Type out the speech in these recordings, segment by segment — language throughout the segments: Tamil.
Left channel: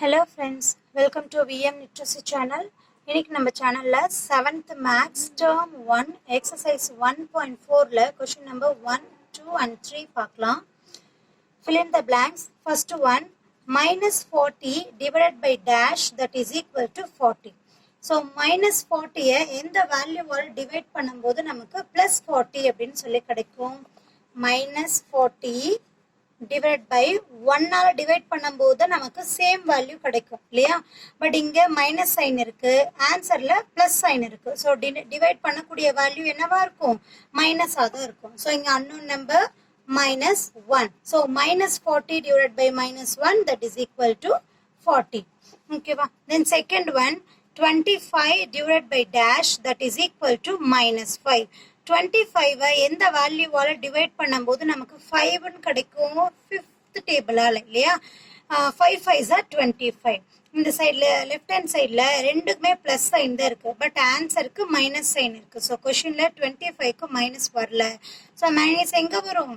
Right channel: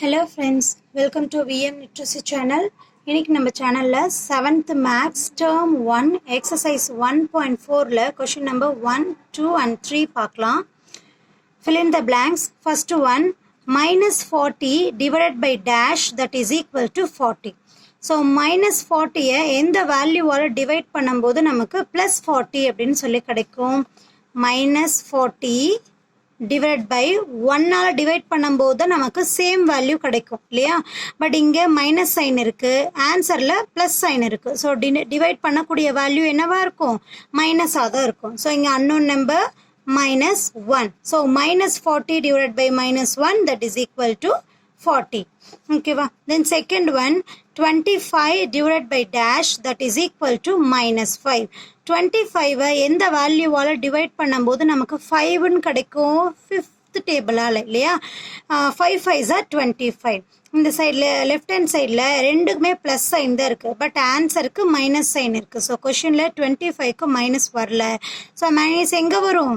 Hello friends, welcome to VM Literacy channel. இன்னைக்கு நம்ம சேனல்ல 7th Maths Term 1 Exercise 1.4ல question number 1, 2 and 3 பார்க்கலாம். Fill in the blanks. First one, minus 40 divided by dash that is equal to 40. So minus 40 எந்த வேல்யூவால டிவைட் பண்ணும்போது நமக்கு plus 40 அப்படின்னு சொல்லி கிடைக்கும். Minus 40 divided by 1 ஆல டிவைட் பண்ணும்போது நமக்கு சேம் வேல்யூ கிடைக்கும் இல்லையா? பட் இங்க மைனஸ் சைன் இருக்கு, ஆன்சர்ல பிளஸ் சைன் இருக்கு. ஸோ டிவைட் பண்ணக்கூடிய வேல்யூ என்னவா இருக்கும்? மைனஸாக தான் இருக்கும். ஸோ இங்க unknown number minus 1. So minus 40 divided by minus 1 that is equal to 40. Okay, then second one, 25 divided by dash that is equal to minus 5. 25 எந்த வேல்யூவால டிவைட் பண்ணும்போது நமக்கு 5 ன்னு கிடைக்கும்? 5th டேபிளால இல்லையா? 5 5s are 25. இந்த சைடில் லெஃப்ட் ஹேண்ட் சைடில் ரெண்டுக்குமே ப்ளஸ் சைன் தான் இருக்குது, பட் ஆன்சருக்கு மைனஸ் சைன் இருக்குது. ஸோ கொஷினில் 25க்கு மைனஸ் வரல. ஸோ மைனஸ் எங்கே வரும்?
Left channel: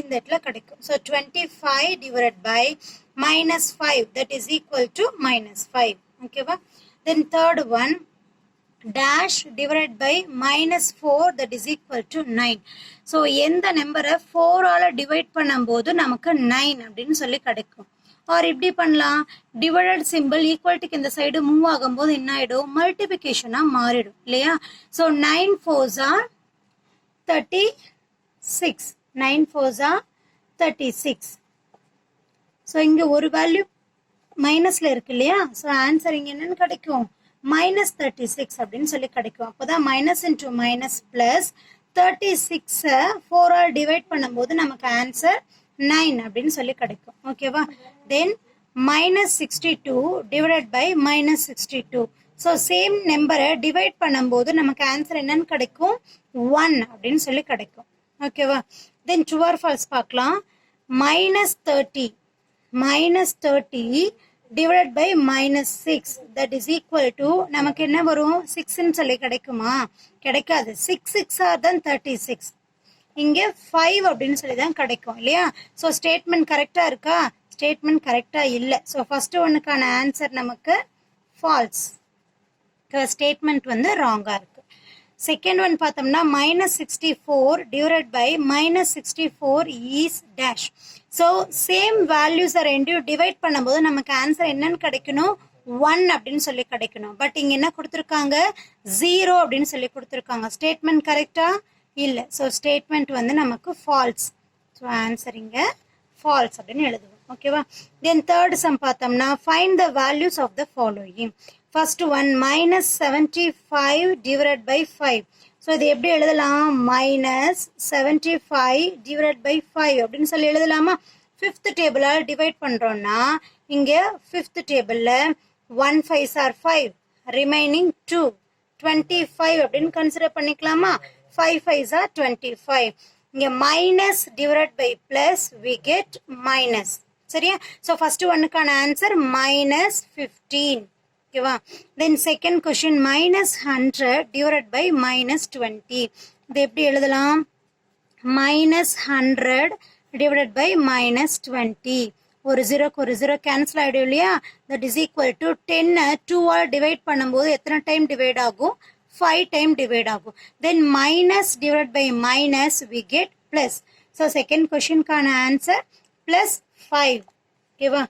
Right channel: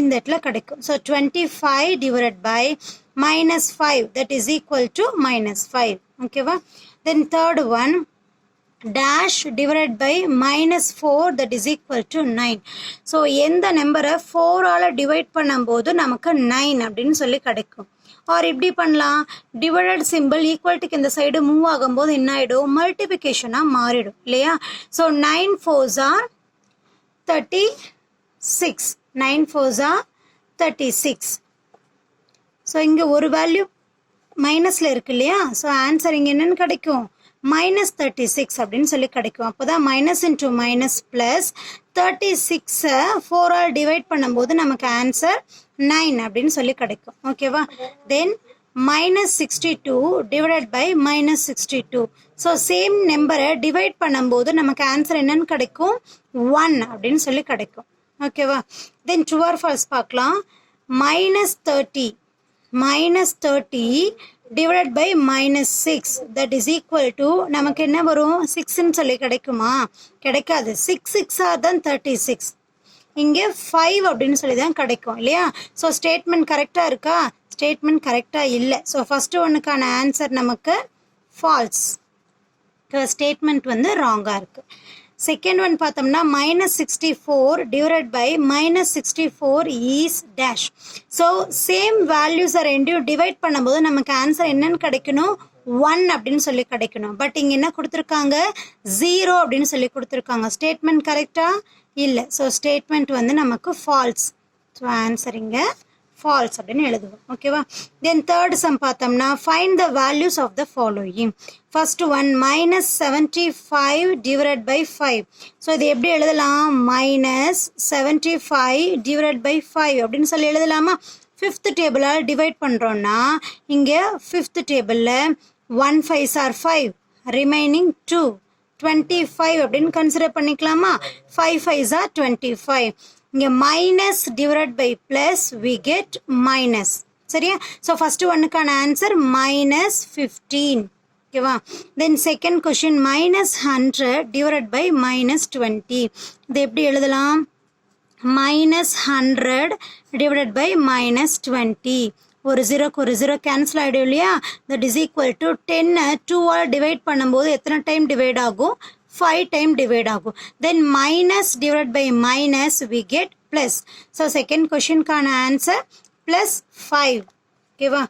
இந்த இடத்துல கிடைக்கும். So 25 divided by minus 5 that is equal to minus 5. ஓகேவா? Then third one, dash divided by minus 4 that is equal to 9. So எந்த நம்பரை 4 ஆல் டிவைட் பண்ணும்போது நமக்கு 9 அப்படின்னு சொல்லி கிடைக்கும். ஆர் இப்படி பண்ணலாம், டிவைடட் சிம்பிள் ஈக்குவல்ட்டுக்கு இந்த சைடு மூவ் ஆகும்போது என்ன ஆகிடும்? மல்டிபிகேஷனாக மாறிடும் இல்லையா? So 9 4s are 36. 9 4s are 36. So இங்கே ஒரு வேல்யூ மைனஸில் இருக்கு இல்லையா? ஸோ ஆன்சர் இங்கே என்னன்னு கிடைக்கும்? minus 36 அப்படின்னு சொல்லி கிடைக்கும். அப்போ தான் minus into minus plus 36 4 all divide பண்ணும்போது நமக்கு ஆன்சர் 9 அப்படின்னு சொல்லி கிடைக்கும். ஓகேவா? Then minus 62 divided by minus 62. So same நம்பரை டிவைட் பண்ணும்போது நமக்கு ஆன்சர் என்னன்னு கிடைக்கும்? 1 அப்படின்னு சொல்லி கிடைக்கும். ஓகேவா? தென் ட்ரூ ஆர் ஃபால்ஸ் பார்க்கலாம். Minus 30 divided by minus 6 that is equal to நமக்கு என்ன வரும்? 6ன்னு சொல்லி கிடைக்குமா? கிடைக்காது. 6 6 தான் 36. இங்கே 5 அப்படின்னு சொல்லி தான் கிடைக்கும் இல்லையா? ஸோ ஸ்டேட்மெண்ட் கரெக்டாக இருக்கா? ஸ்டேட்மெண்ட் கரெக்டாக இல்லை. ஸோ ஃபர்ஸ்ட் ஒன்னுக்கான ஆன்சர் நமக்கு ஃபால்ஸ். ஸ்டேட்மெண்ட் வந்து ராங்காக இருக்கு. செகண்ட் ஒன் பார்த்தோம்னா minus 64 divided by minus 64 is dash. So same வேல்யூஸை ரெண்டையும் டிவைட் பண்ணும்போது நமக்கு ஆன்சர் என்னன்னு கிடைக்கணும்? 1 அப்படின்னு சொல்லி கிடைக்கணும். பட் இங்கே என்ன கொடுத்துருக்காங்க? 0 அப்படின்னு சொல்லி கொடுத்துருக்காங்க. ஸ்டேட்மெண்ட் கரெக்டா? இல்லை. ஸோ ஸ்டேட்மெண்ட் வந்து நமக்கு ஃபால்ஸ். ஸோ ஆன்சர் இங்கே ஃபால்ஸ் அப்படின்னு எழுதுவோம். ஓகேவா? தென் தேர்ட் சம் பார்த்தோம்னா find the values of the following. First one minus 75 divide by 5. So இது எப்படி எழுதலாம்? மைனஸ் 75 டிவைட் பை 5 அப்படின்னு சொல்லி எழுதலாமா? 5th டேபிளால் டிவைட் பண்ணுறோன்னா இங்கே 5th டேபிளில் 1 5s are 5, ரிமைனிங் 2, 25 அப்படின்னு கன்சிடர் பண்ணிக்கலாமா? 5 5s are 25. இங்கே minus divide by plus we get minus. சரியா? ஸோ ஃபர்ஸ்ட் ஒன்னுக்கான ஆன்சர் மைனஸ் 15. ஓகேவா? Then second question minus 100 divide by minus 20. இது எப்படி எழுதலாம்? Minus 100 divide by minus 20. ஒரு ஜீரோக்கு ஒரு ஜீரோ கேன்சல் ஆகிடும் இல்லையா? தட் இஸ் ஈக்குவல் டு 10 2 ஆல் டிவைட் பண்ணும்போது எத்தனை டைம் டிவைட் ஆகும்? 5 டைம் டிவைட் ஆகும். Then minus divide by minus we get plus. So second கொஸ்டின்கான ஆன்சர் பிளஸ் 5. ஓகேவா?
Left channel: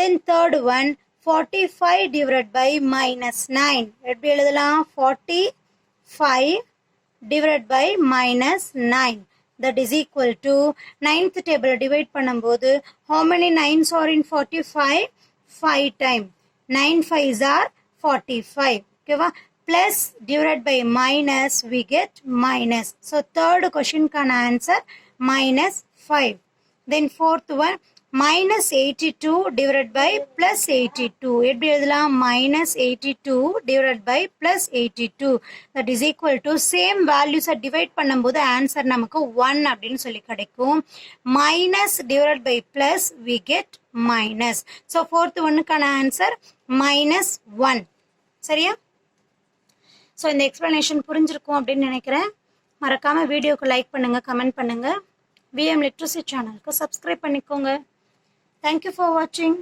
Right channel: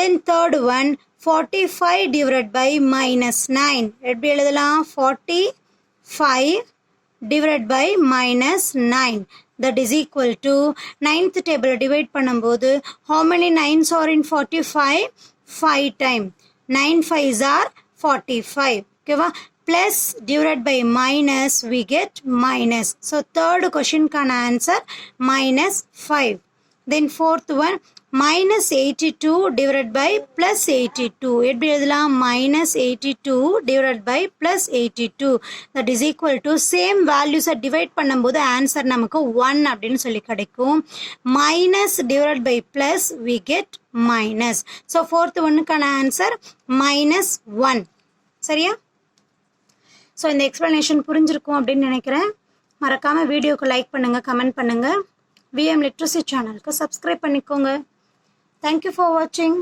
Then third one 45 divide by minus 9. எப்படி எழுதலாம்? 45 divide by minus 9 that is equal to 9th table divide பண்ணும்போது how many 9s are in 45? 5 time. 9 5s are 45. ஓகேவா? plus divided by minus we get minus. So third question can answer minus 5. Then fourth one minus 82 divided by plus 82. எப்படி எழுதலாம்? minus 82 divided by plus 82 that is equal to same values divide பண்ணும்போது ஆன்சர் நமக்கு 1 அப்படின்னு சொல்லி கிடைக்கும். minus divided by plus we get minus. So fourth ஒன்னுக்கான ஆன்சர் minus 1. சரியா? ஸோ இந்த எக்ஸ்ப்ளனேஷன் புரிஞ்சிருக்கும் அப்படின்னு நினைக்கிறேன். மறக்காமல் வீடியோக்கு லைக் பண்ணுங்கள், கமெண்ட் பண்ணுங்கள். விஎம் லிட்ரஸி சேனலுக்கு சப்ஸ்கிரைப் பண்ணிக்கோங்க. தேங்க்யூ ஃபார் வாட்சிங்.